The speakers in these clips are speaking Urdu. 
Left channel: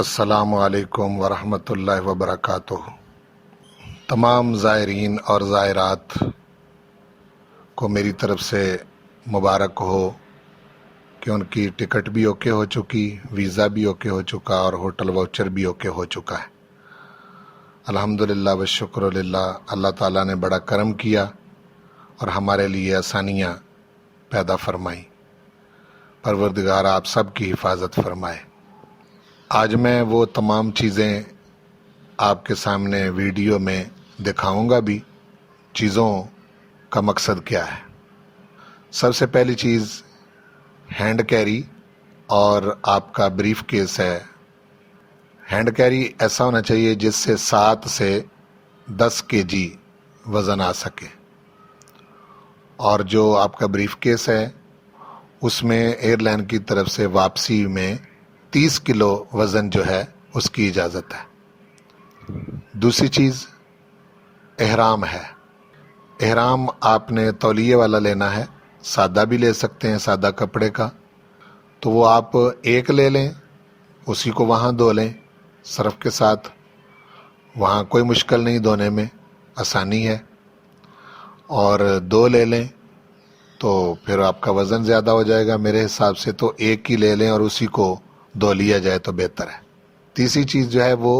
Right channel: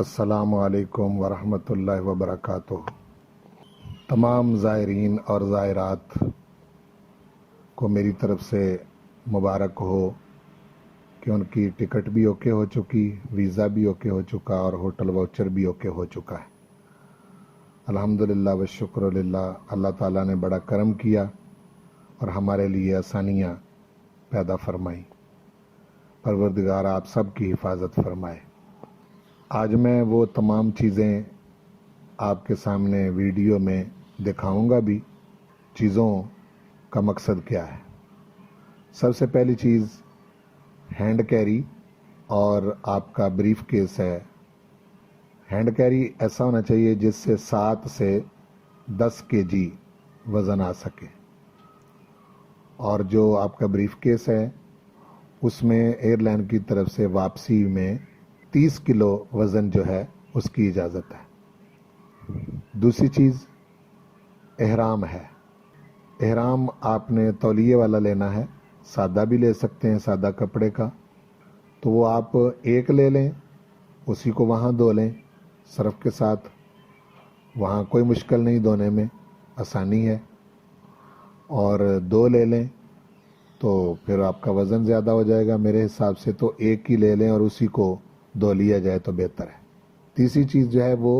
السلام علیکم ورحمۃ اللہ وبرکاتہ۔ تمام زائرین اور زائرات کو میری طرف سے مبارک ہو کہ ان کی ٹکٹ بھی اوکے ہو چکی، ویزا بھی اوکے ہو چکا اور ہوٹل واؤچر بھی اوکے ہو چکا ہے۔ الحمدللہ والشکر للہ، اللہ تعالیٰ نے بڑا کرم کیا اور ہمارے لیے آسانیاں پیدا فرمائیں۔ پروردگار آپ سب کی حفاظت فرمائے۔ آج میں وہ تمام چیزیں آپ کے سامنے ویڈیو میں دکھاؤں گا بھی۔ چیزوں کا مقصد کیا ہے؟ سب سے پہلی چیز ہینڈ کیری اور آپ کا بریف کیس ہے۔ ہینڈ کیری ایسا ہونا چاہیے جس سے 7 سے 10 kg وزن آ سکے، اور جو آپ کا بریف کیس ہے اس میں ایئر لائن کی طرف سے واپسی میں 30 کلو وزن جو ہے اس کی اجازت ہے۔ دوسری چیز احرام ہے۔ احرام آپ نے تولیے والا لینا ہے، سادہ بھی لے سکتے ہیں، سادہ کپڑے کا، تو وہ آپ ایک لے لیں، اسی کو وہاں دھو لیں صرف کے ساتھ، وہاں کوئی مشکل نہیں، دھونے میں آسانی ہے۔ اور 2 لے لیں تو پھر آپ کا وزن زیادہ ہو جائے گا، میرے حساب سے تو ایک ہی لے لیں اور اسی کو دھو لیا جائے تو بہتر ہے۔ تیسری چیز جو ہے وہ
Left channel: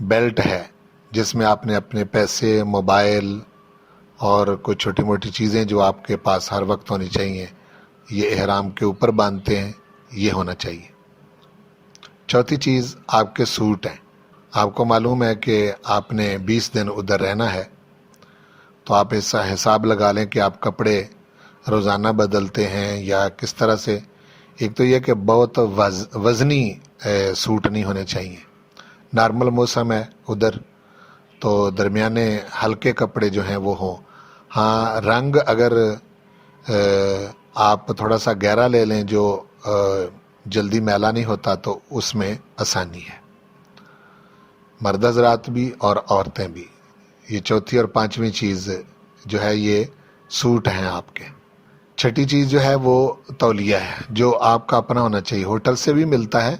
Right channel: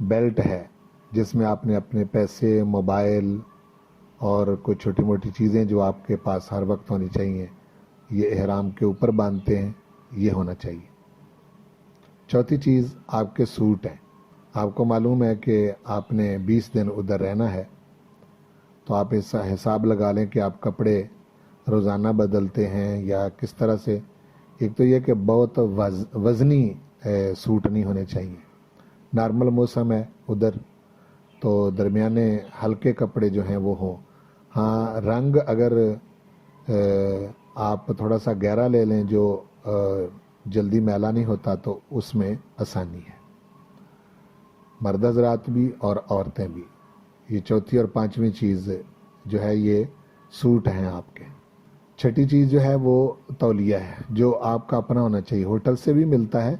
بیلٹ ہے، جس میں آپ نے اپنے پیسے، موبائل اور کوئی چھوٹی موٹی چیزیں جو آپ کے پاس ہر وقت ہونی چاہیے، یہ احرام کے اوپر باندھتے ہیں، یہ ہونا چاہیے۔ چوتھی چیز آپ کے سوٹ ہیں۔ آپ کو معلوم ہے کہ آپ نے 20 دن ادھر رہنا ہے، تو آپ ایسا حساب لگا لیں کہ آپ کپڑے روزانہ بدلتے ہیں یا کس طرح سے۔ ایک تو یہ کہ بہت وزنی سوٹ نہیں ہونے چاہیے، نارمل موسم ہے ادھر تو درمیانے ہلکے کپڑے جو ہیں وہ ہوں۔ ہاں، رنگ اگر آپ تھوڑا سا گہرا لے لیں جو جلدی میلا نہیں ہوتا تو اس میں آسانی ہے، مرد حضرات بھی اور عورتیں بھی۔ یہ چوتھی اور پانچویں چیز جو ہے یہ سوٹ ہیں آپ کے۔ چھٹی چیز جو ہے وہ تولیہ ہے، جو آپ کا اپنا ہونا چاہیے، ہوٹل سے بھی ملتا ہے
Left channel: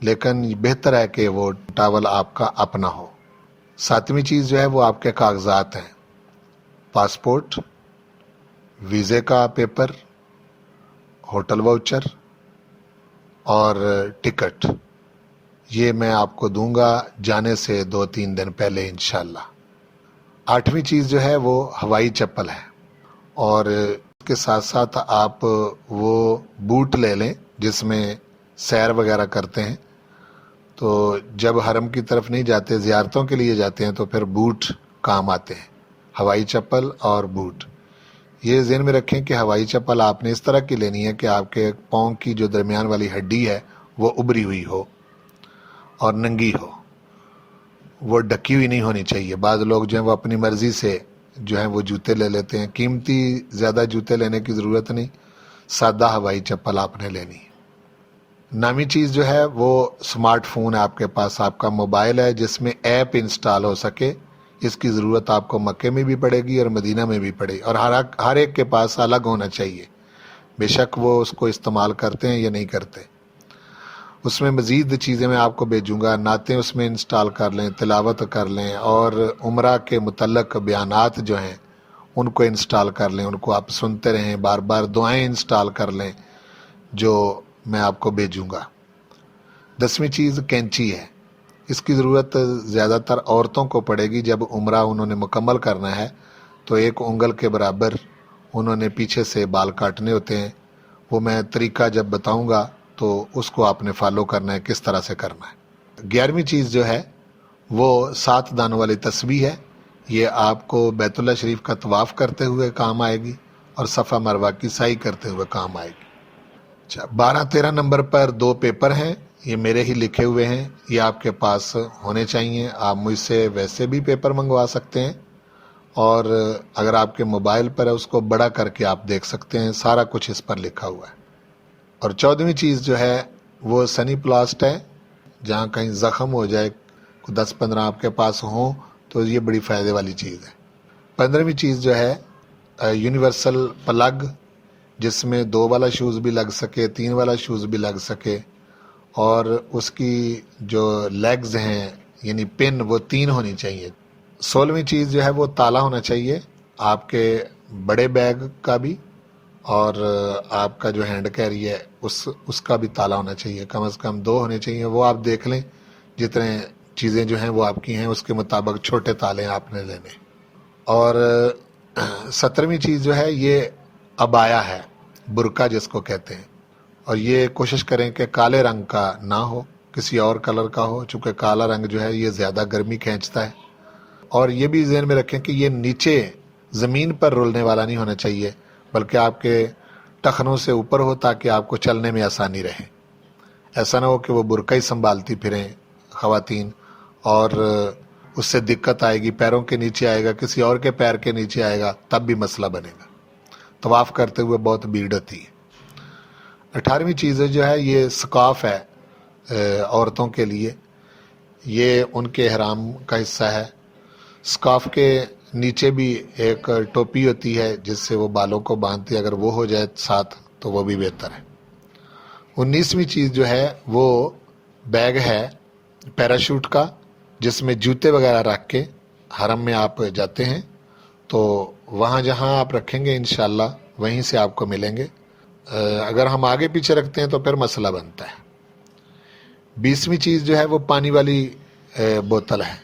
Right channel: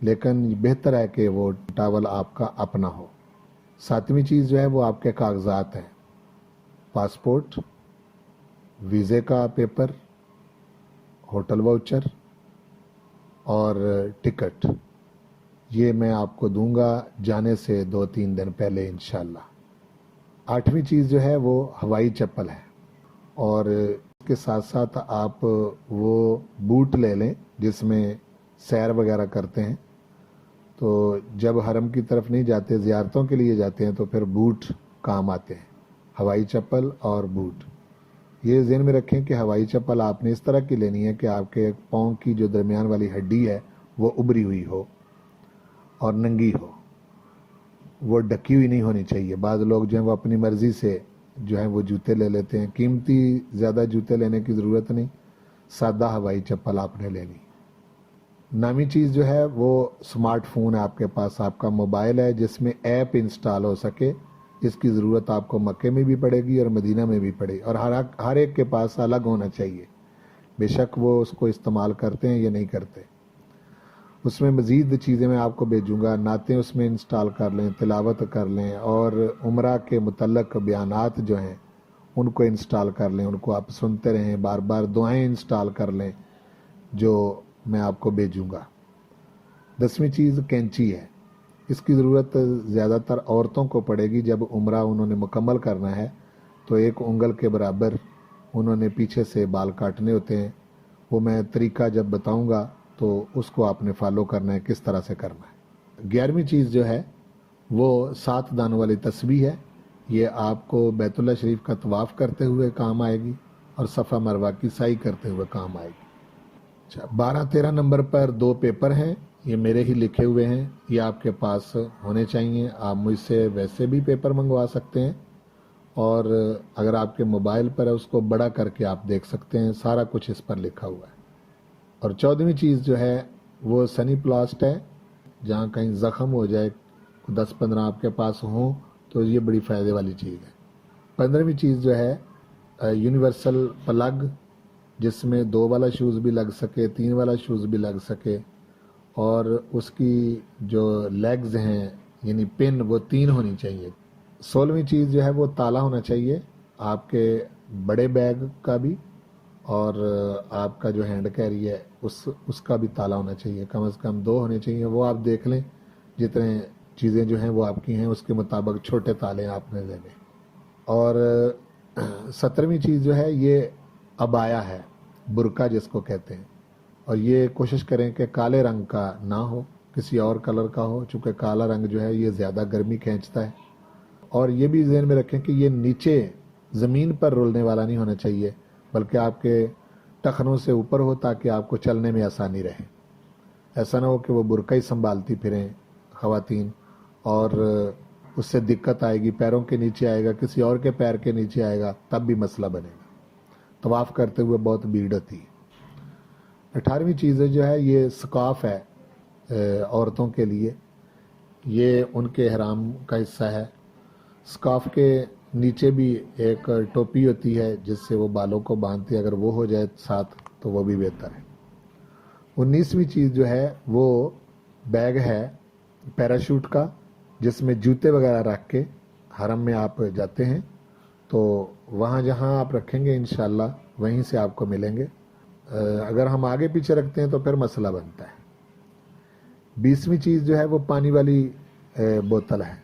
لیکن بہتر ہے کہ وہ ٹاول آپ کا اپنا ہو۔ ساتویں چیز جو ہے وہ آپ کے کاغذات ہیں، پاسپورٹ، ویزے کا پیپر، ہوٹل واؤچر اور ٹکٹ۔ یہ میں آپ کو دوں گا جانے سے 2-3 دن پہلے انشاءاللہ۔ 8ویں چیز جو ہے وہ ہوائی چپل ہے، اور اس کے ساتھ ساتھ آپ وہ بوٹ لے لیں جس میں سیر وغیرہ کرتے ہیں، تو جب حرم کی طرف نہیں جاتے، زیارتوں کے لیے جاتے ہیں، تو پھر بوٹ کام آتے ہیں، ہوائی چپل اور بوٹ۔ یہ ذہن میں رکھیں کہ ہوائی چپل آپ نے اس طرح کی لینی ہے کہ آپ کے پاؤں کی جو درمیان والی ہڈی ہے وہ ابری ہوئی ہو اور ننگی ہو، وہ ڈھکی ہوئی نہیں ہونی چاہیے۔ بعض لوگ جو ہیں وہ اپنی مرضی سے جو ہیں وہ جوتے لے لیتے ہیں، قیمتی زیادہ جوتے لینے کی ضرورت نہیں، سادہ ہوائی چپل آپ نے لینی ہے۔ 9ویں چیز جو ہے وہ سمارٹ فون ہے آپ کے پاس، آپ کا موبائل ہے جس میں ایپ انسٹال ہو سکے، اس کی ضرورت آپ کو مکے میں بھی پڑے گی اور مدینہ میں بھی پڑے گی، اور ہر ایک کے پاس الگ ہونا چاہیے، بے شک وہ اس کو استعمال کرتے ہیں یا نہیں کرتے۔ اس میں مزید چیزیں میں آپ کو بھیجوں گا، نعتیں اس میں انسٹال کر لیں، تلاوت کر لیں، اور عمرہ کے متعلق بیانات جو ہیں ان کو انسٹال کر لیں، ان کو آپ سنتے رہیں، بار بار دعائیں انسٹال کر لیں جو میں آپ کو بھیجوں گا۔ 10ویں چیز کینچی ہے، اس کی ضرورت زیادہ تر عورتوں کو پڑے گی، جب عمرہ انہوں نے مکمل کرنا ہے تو 1 انگل کے برابر انہوں نے پیچھے سے بال کاٹنے ہوتے ہیں، وہ میں طریقہ جب بتاؤں گا تو اس کو آپ نے فالو کرنا ہے، کس طرح سے کرنا ہے۔ 11ویں چیز جو ہے وہ 7 دانوں والی تسبیح ہے، یہ آپ کو بیت اللہ شریف کا طواف کرتے ہوئے کام آئے گی اور صفا مروہ کی سعی کرتے ہوئے کام آئے گی۔ 12-13 نمبر پر 2 پیپر ہیں، یہ میرے ہی لکھے ہوئے ہیں، یہ آپ کے پاس ہونے چاہیے۔ آپ مجھ سے ویسے بھی پیپر منگوا سکتے ہیں، اور اگر آپ کے موبائل پر ہے اس کو بڑا کر کے آپ دیکھ سکتے ہیں، سارا کچھ اس پر لکھا ہوا ہے۔ اور 14ویں چیز جو ہے وہ سنی پلاسٹ ہے، جہاں کہیں زخم ہو جائے، 10-15 آپ کے پاس ہوں تو یہ بڑی فائدے والی چیز ہے۔ 15ویں چیز جو ہے یونیورسل پلگ، جس میں 2 والا شوز بھی لگ سکے، 3 والا شوز بھی لگ سکے، اور اس کی جو لیگز ہیں یعنی پن وہ 3 ہونی چاہیے. 16ویں چیز جو ہے وہ تالا ہونا چاہیے آپ کے بڑے بیگ کا بھی، اور آپ کا جو ہینڈ کیری ہے اس کا بھی تالا ہونا چاہیے. کم از کم 2 ہونے چاہیے. وہ آپ دیکھ لیں جتنے چیزیں جو ہیں وہ آپ کی ہیں اس کے مطابق چھوٹے تالے آپ نے لینے. اور 17ویں چیز جو ہے یہ ابایا ہے، برقع جس کو کہتے ہیں، اور یہ کوشش کریں کہ کالے رنگ کا نہ ہو، کسی اور کلر کا ہو، چونکہ کالا رنگ جو ہے یہ زیادہ گرمی کھینچتا ہے. اور یہ بھی ذہن میں رکھیں کہ یہ نیچے زمین پر رولنے والا نہیں ہونا چاہیے، بلکہ آپ کے ٹخنوں سے اوپر ہو تاکہ آپ کو چلنے میں آسانی رہے. ایسا نہ ہو کہ وہ برقع ہی سنبھالتی پھریں خواتین اور اس سے دقت آئے گی، پیروں کے نیچے آئے گا، کسی اور کے پیر کے نیچے آئے گا، تب بھی مسئلہ بنے گا. طواف کرتے ہوئے بہت بھیڑ ہوتی ہے. 18ویں چیز جو ہے یہ سکارف ہے عورتوں کے لیے، یہ ان کے احرام کا حصہ ہے. سکارف کے نیچے بھی ایک ٹوپی ہوتی ہے جس سے وہ بالوں کو باندھتی ہے، اگر وہ ہو جائے ساتھ تو وہ بھی بہتر ہے. 19ویں چیز جو ہے وہ بیگ ہے پیراشوٹ کا، جس میں جوتے وغیرہ رکھ کے حرم میں آپ جاتے ہیں تو وہاں جہاں آپ رکھیں گے انشاءاللہ وہیں سے آپ کو ملیں گے. اگر ہم آگے پیچھے رکھتے ہیں تو پھر مسئلہ بنتا ہے. 20ویں چیز جو ہے وہ پانی والی بوتل ہے.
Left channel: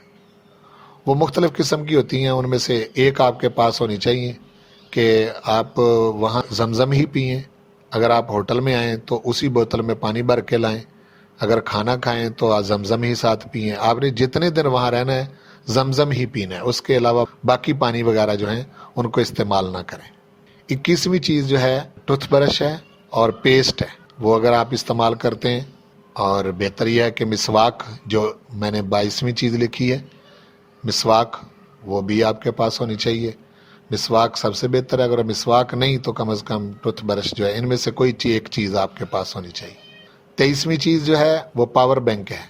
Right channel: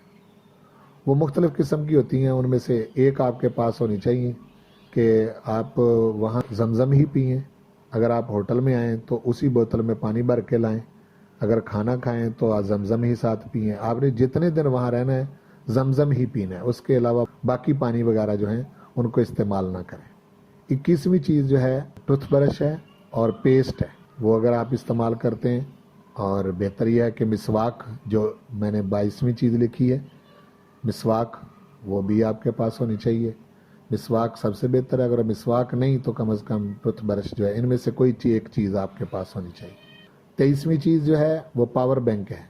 وہ مختلف قسم کی ہوتی ہیں، ان میں سے ایک آپ کے پاس ہونی چاہیے کہ آپ وہاں زمزم ہی پئیں. اگر آپ ہوٹل میں آئیں تو اسی بوتل میں پانی بھر کے لائیں. اگر کھانا کھائیں تو آپ زمزم ہی ساتھ پئیں. آپ نے جتنے دن وہاں رہنا ہے زمزم ہی پینا ہے، اس کے علاوہ باقی پانی وغیرہ جو ہیں ان کو استعمال نہ کریں. 21ویں چیز جو ہے ٹوتھ برش ہے اور پیسٹ ہے، وہ اگر آپ استعمال کرتے ہیں. اور بہتر یہ ہے کہ مسواک، جو میں نے 22ویں چیز لکھی ہے مسواک، وہ بھی آپ کے پاس ہونی چاہیے. مسواک سب سے بہتر ہے. اگر مسواک نہیں تو کم از کم ٹوتھ برش جو ہے، ان میں سے کوئی ایک چیز آپ کے پاس ہونی چاہیے. 23ویں چیز جو ہے وہ پاور بینک ہے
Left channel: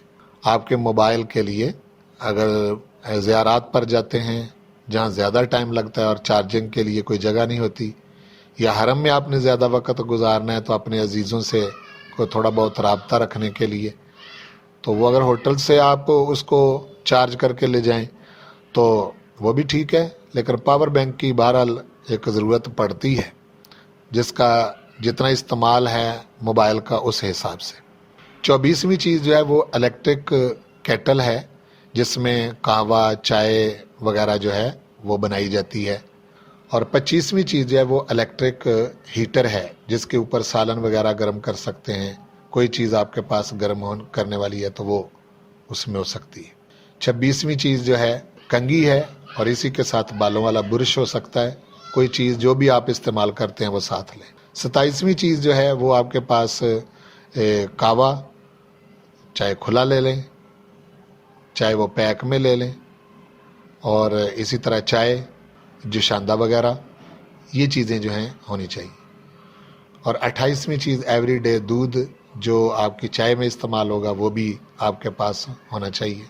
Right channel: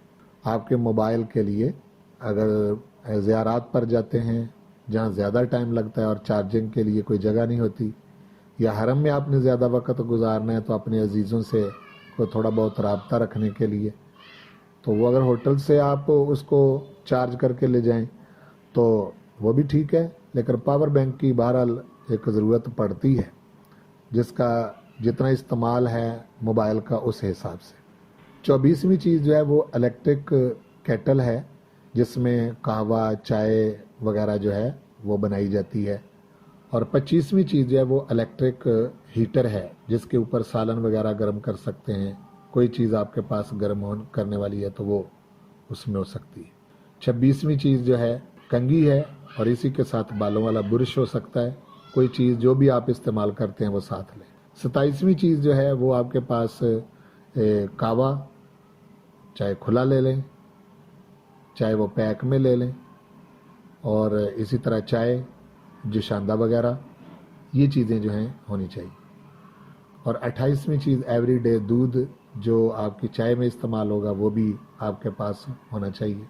آپ کے موبائل کے لیے. اگر زیارات پر جاتے ہیں جہاں زیادہ ٹائم لگتا ہے اور چارجنگ کے لیے کوئی جگہ نہیں ہوتی، یا حرم میں آپ نے زیادہ وقت گزارنا ہے تو اپنے عزیزوں سے کو تھوڑا بہت رابطہ رکھنے کے لیے، تو وہ اگر ہوٹل سے آپ اس کو چارج کر کے لے جائیں تو وہ بھی ٹھیک ہے. لیکن پاور بینک کی بہرحال ایک ضرورت پڑتی ہے، جس کا جتنا استعمال ہے موبائل کا اس حساب سے. 24ویں چیز جو ہے وہ الیکٹرک کیٹل ہے، جس میں قہوہ چائے وغیرہ جو ہے وہ بنائی جاتی ہے. اور 25ویں چیز جو ہے وہ الیکٹرک ہیٹر ہے، جس کے اوپر سالن وغیرہ گرم کر سکتے ہیں. کوئی چیز آپ کے پاس گرم کرنے والی ہے تو وہ اس میں ہو سکتی ہے. 26ویں چیز جو ہے کنگھی ہے، اور اسی کے ساتھ بالوں والا برش ہو سکتا ہے. کوئی چیز جو بھی آپ استعمال کرتے ہیں وہ ساتھ لیں. 27ویں چیز جو ہے وہ آپ کے پاس قہوہ، چاہے کھلا لے لیں چاہے وہ پیک میں لے لیں، اور اسی طرح چائے جوشاندہ وغیرہ، یہ چیزیں جو ہیں ہونی چاہیے. اور 28ویں چیز ایوری ڈے دودھ، جو آپ کی چائے میں استعمال ہوگا وہ بھی آپ کے پاس ہونا چاہیے.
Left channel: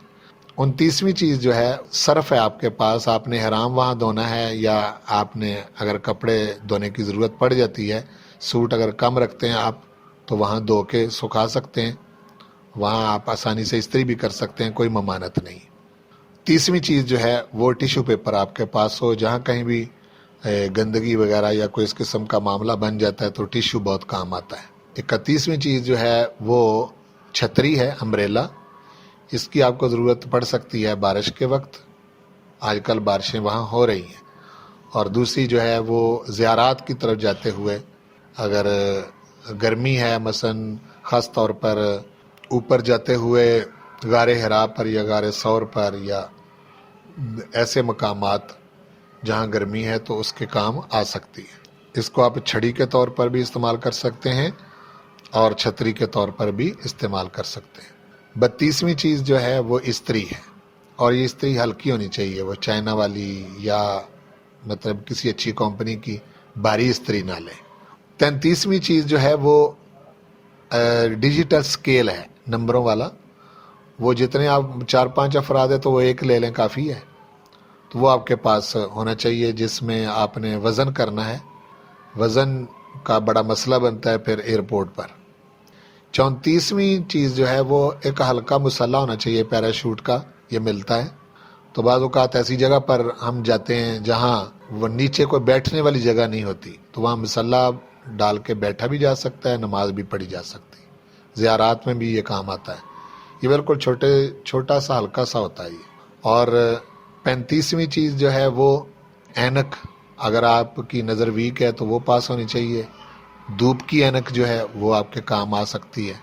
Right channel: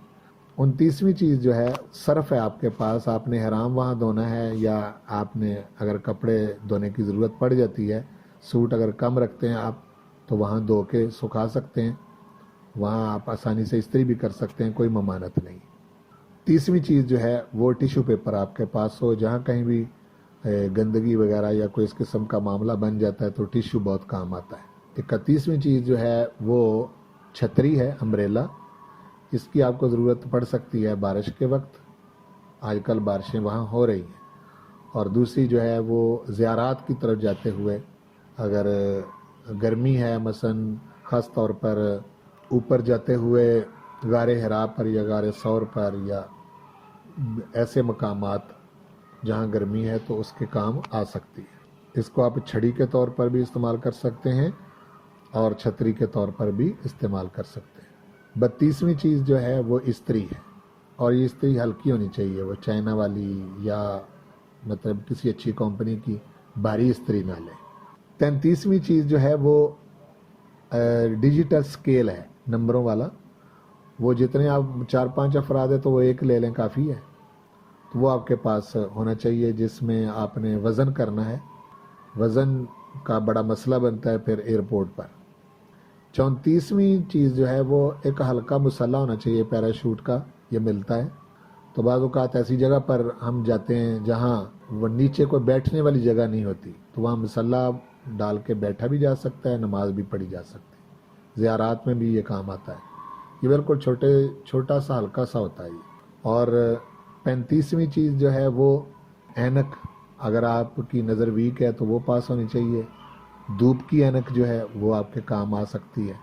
29ویں چیز جو ہے صرف ہے آپ کے پاس. آپ نے حرام وہاں دھونا ہے، یا آپ نے اگر کپڑے دھونے کی ضرورت پڑ جاتی ہے، سوٹ اگر کم رکھتے ہیں آپ تو وہاں دھو کے سکھا سکتے ہیں، وہاں آپ آسانی سے استری بھی کر سکتے ہیں، کوئی ممانعت نہیں. 30ویں چیز جو ہے وہ ٹیشو پیپر آپ کے پاس ہو. جہاں کہیں بھی گندگی وغیرہ یا کوئی اس قسم کا معاملہ بن جاتا ہے تو ٹیشو بہت کام آتا ہے. 31ویں چیز جو ہے وہ چھتری ہے، امبریلا. اس کی آپ کو ضرورت پڑ سکتی ہے بارش کے وقت، آج کل بارشیں وہاں ہو رہی ہیں. اور دوسری جو ہے وہ زیارات کی طرف جاتے ہوئے اگر گرمی ہے، مثلا خاص طور پر اوپر جاتے ہوئے غار حرا پر یا غار ثور پر یا ایسے مقامات جہاں گرمی ہے تو اس کے کام آ سکتی ہے. اس کو آپ چھڑی کے طور پر بھی استعمال کر سکتے ہیں اور چھتری کے طور پر بھی استعمال کر سکتے ہیں. 32ویں چیز جو ہے وہ استری ہے، اور یہ استری ہلکی ہونی چاہیے، وہ چائنا والی یا مطلب کسی اچھی کمپنی کی بھاری استری نہ لیں. 33ویں چیز جو ہے وہ ڈیجیٹل سکیل ہے، نمبروں والا. وہ جتنے آپ 4-5 افراد ہیں تو وہ ایک لے لیں کافی ہے، تو وہ آپ کے پاس ہونا چاہیے، جس میں آپ نے وزن کرنا ہے. وزن کا بڑا مسئلہ بنتا ہے پھر ایئرپورٹ پر. 34ویں چیز جو ہے وہ ایک ہلکا مسلح ہونا چاہیے پیراشوٹ کا، یہ ملتا ہے۔ تو بعض اوقات ایسی جگہ پر ہم جاتے ہیں جہاں وہ نیچے کوئی بیٹھنے والی جگہ نہیں ہوتی، تو وہاں مسلح ڈال کے بیٹھا بھی جا سکتا ہے، نماز بھی پڑھی جا سکتی، زیارات میں بھی یہ کام آتا ہے۔ یہ بالکل چھوٹا سا ہلکا سا ہوتا ہے یہ۔ اور 35ویں چیز جو ہے وہ اینک، اگر آپ کی نظر ویک ہے تو وہ پاس ہونی چاہیے، دھوپ کی اینک جو ہے وہ آپ کے کام آ سکتی ہے۔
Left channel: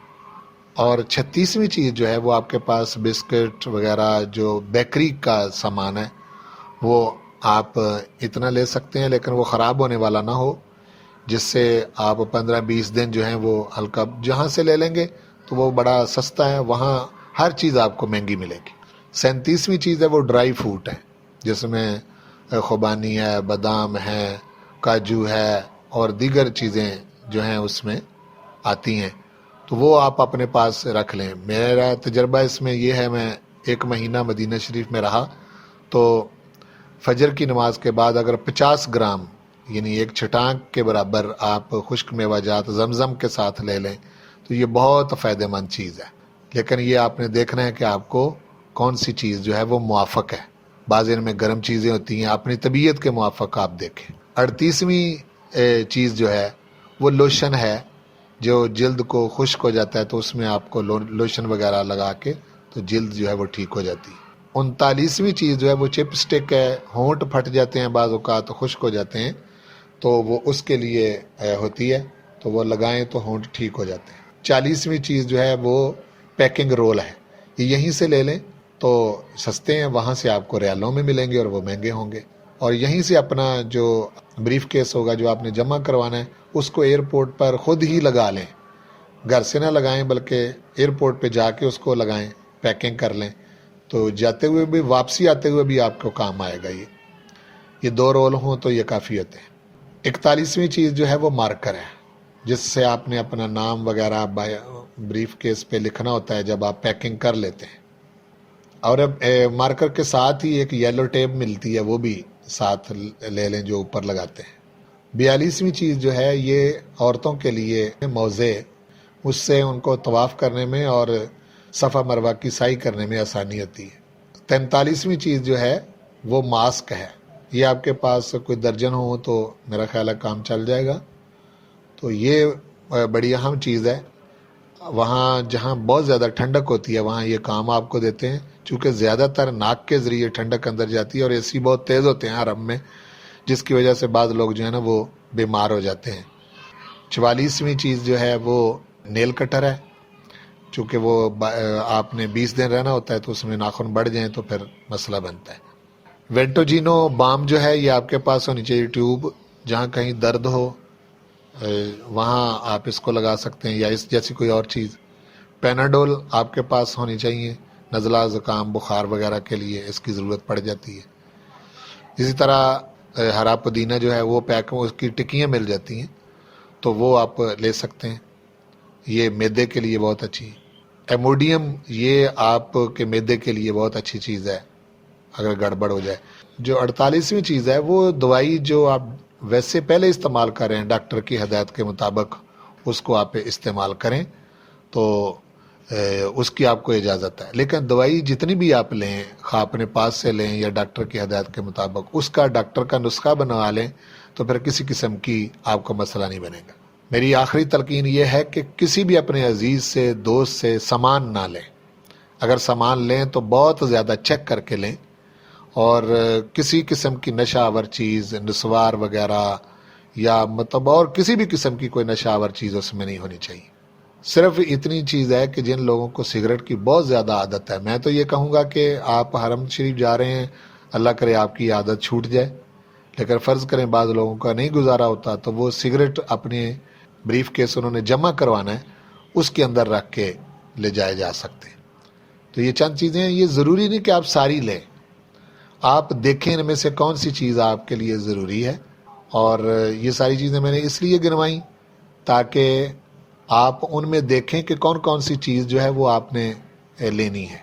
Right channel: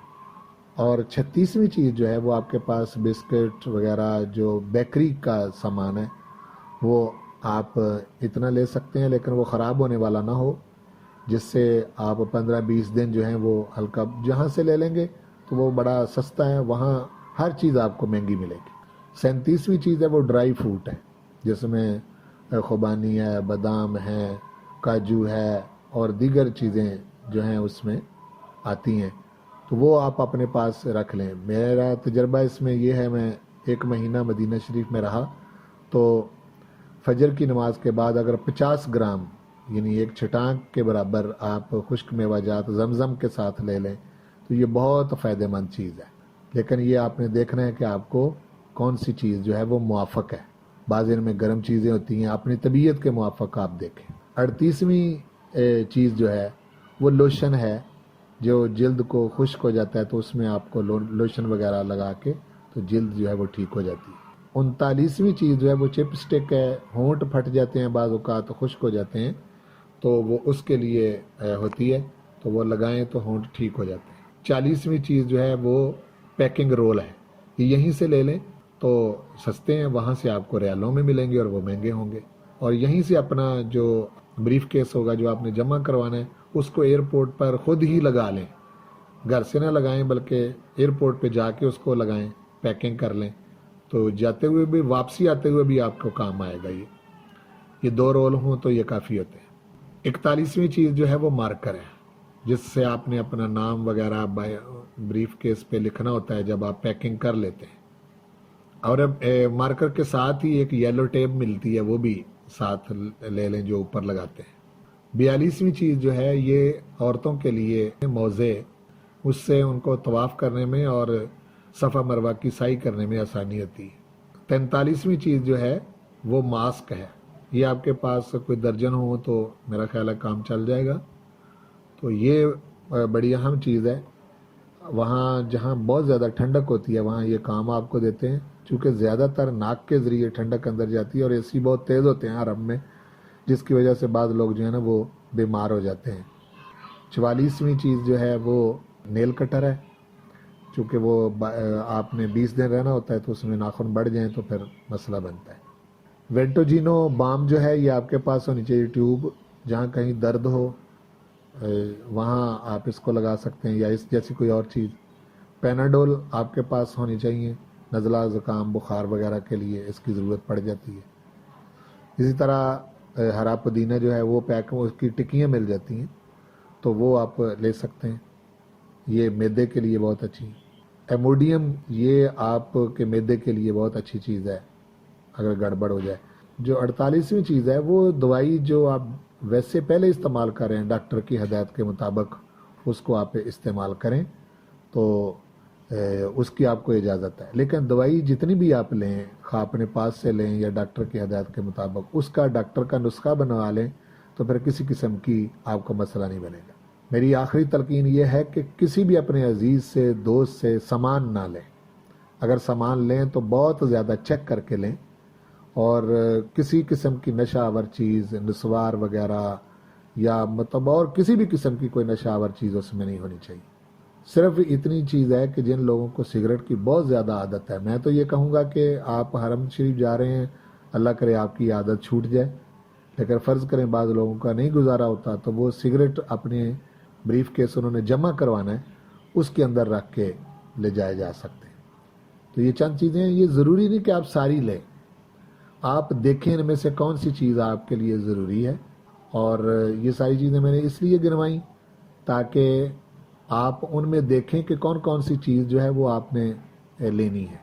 اور 36ویں چیز جو ہے وہ آپ کے پاس بسکٹ وغیرہ جو بیکری کا سامان ہے وہ آپ اتنا لے سکتے ہیں، لیکن وہ خراب ہونے والا نہ ہو، جس سے آپ 15-20 دن جو ہیں وہ ہلکا جہاں سے لے لیں گے تو وہ بڑا سستا ہے، وہاں ہر چیز آپ کو مہنگی ملے گی۔ 37ویں چیز ہے وہ ڈرائی فروٹ ہے، جس میں خوبانی ہے، بادام ہے، کاجو ہے اور دیگر چیزیں جو ہیں اس میں آتی ہیں، تو وہ آپ اپنے پاس رکھ لیں۔ میرا تجربہ اس میں یہ ہے، میں 1 مہینہ مدینہ شریف میں رہا تو فجر کی نماز کے بعد اگر 50 گرام یعنی ایک چھٹانک کے برابر آپ خشک میوہ جات زمزم کے ساتھ لے لیں تو یہ بہت فائدہ مند چیز ہے، لیکن یہ آپ نے دیکھنا ہے کہ آپ کو کون سی چیز جو ہے وہ موافق ہے۔ بعض ان میں گرم چیزیں ہوتی ہیں، اپنی طبیعت کے موافق آپ دیکھیں۔ 38ویں چیز جو ہے وہ لوشن ہے، جو جلد کو خشک ہو جاتا ہے تو اس میں آپ کو لوشن وغیرہ لگا کے تو جلد جو ہے وہ ٹھیک ہو جاتی ہے۔ 39ویں چیز جو ہے وہ چپ سٹک ہے، ہونٹ پھٹ جاتے ہیں بعض اوقات، خشک ہو جاتے ہیں تو وہ اس کے لیے ہوتی ہے، تو وہ لگائیں تو ہونٹ ٹھیک ہو جاتے ہیں۔ 40ویں چیز جو ہے وہ پیکنگ رول ہے، یہ یہیں سے لے لیں تو سستے ہیں، وہاں سے آپ کو ریالوں میں ملیں گے اور وہ مہنگے ہوں گے، اور یہیں سے اپنا جو بریف کیس ہوگا جو آپ نے جمع کروانا ہے اس کو ایئرپورٹ پر خود ہی لگا لیں، گھر سے نہ لگائیں بلکہ ایئرپورٹ پہ جا کے اس کو لگائیں، پیکنگ کر لیں، تو جاتے ہوئے بھی واپسی آتے ہوئے بھی آپ کو کام آئے گا۔ یہ 2 رول ہوں تو یہ کافی ہوتے ہیں۔ 41ویں چیز جو ہے وہ مارکر ہے، جس سے آپ نے اپنا نام وغیرہ بریف کیس پہ لکھنا ہوتا ہے جب آپ پیکنگ کر لیتے ہیں، اور اب مارکر کے ساتھ ہی ایک یلو ٹیپ ملتی ہے، وہ بھی ساتھ لے لیں جو اوپر لگاتے ہیں۔ 42ویں چیز جو ہے یہ عورتوں کے لیے موزے، اس سے ان کو طواف کرنے میں اور صفا مروہ کی سعی کرنے میں آسانی ہوتی ہے۔ 43ویں چیز جو ہے وہ ماسک ہے، یہ آپ کے پاس کوئی درجن ہو تو میرا خیال ہے کام چل جائے گا، تو یہ بڑی اہم چیز ہے۔ وہاں جہاں بہت زیادہ ٹھنڈک ہوتی ہے وہاں یہ کام آپ کو دیتے ہیں، چونکہ زیادہ تر ناک کے ذریعے ٹھنڈک اندر جاتی ہے اور اے سی بہت تیز ہوتے ہیں حرم میں، جس کی وجہ سے بعض لوگ جو ہے نا وہ بیمار ہو جاتے ہیں۔ 44ویں چیز جو ہے وہ نیل کٹر ہے، چونکہ وہ آپ نے 20 دن رہنا ہوتا ہے تو اس میں ناخن بڑھ جائیں تو پھر مسئلہ بنتا ہے۔ وینٹوجینو بام جو ہے یہ آپ کے پاس ہونی چاہیے ٹیوب، جہاں کہیں درد ہو وہاں آپ اس کو لگا سکتے ہیں، یا اس جیسی کوئی اور چیز۔ پیناڈول آپ کے پاس ہونی چاہیے، نزلہ زکام بخار وغیرہ کے لیے اس کی ضرورت پڑ جاتی ہے۔ اسی طرح ہرا پودینہ جو ہے وہ پیک، اس کی ٹکیاں مل جاتی ہیں تو وہ آپ لے سکتے ہیں، یہ میدے کے لیے بہت اچھی۔ ایموڈیم یہ آپ کے میدے کے لیے بہت اچھی چیز ہے اگر گڑبڑ ہو جائے۔ جو 48ویں چیز ہے وہ دوائی جو آپ ویسے پہلے استعمال کر رہے ہیں ڈاکٹر کی ہدایت کے مطابق اس کو آپ استعمال کریں تو اس کی آپ کو اجازت ہے، لیکن دوائی جتنی بھی آپ لیں خواہ اپنے پاس سے لیں یا ڈاکٹر کی ہدایت کے مطابق اس کا ڈاکٹر کا نسخہ بنوا لیں تو پھر کسی قسم کی آپ کو مسئلہ نہیں بنے گا۔ میری آخری تلقین یہ ہے کہ کسی بھی اپنے عزیز سے دوست سے سامان نہ لیں، اگر سامان لیں تو بہت زیادہ چیک کر کے لیں، اور کسی قسم کی نشہ آور چیز نسوار وغیرہ یا مطلب اور کسی بھی قسم کی کوئی نشہ آور چیز اس میں نہیں ہونی چاہیے۔ صرف اتنی چیز ہے کہ جن لوگوں کو سگریٹ کی بہت زیادہ عادت ہے، میں تو یہ کہوں گا کہ آپ حرم شریف جا رہے ہیں، اللہ کرے آپ کی عادت چھوٹ جائے، لیکن فرض کریں بعض لوگوں کا نہیں گزارا ہوتا تو وہ سگریٹ اپنے بریف کیس انہوں نے جمع کروانا ہے اس کے اندر رکھ کے لے جائے جا سکتے ہیں۔ تو یہ چند چیزیں ہیں، یہ ضروری نہیں کہ آپ ساری لیں، آپ دیکھیں ان میں سے کون سی چیز آپ کے لیے ضروری ہے، اور یہ ساری چیزیں میں نے اس لیے گنوائیں تاکہ آپ ان میں دیکھیں کہ کون کون سی چیز جو ہے وہ آپ نے لینی ہے۔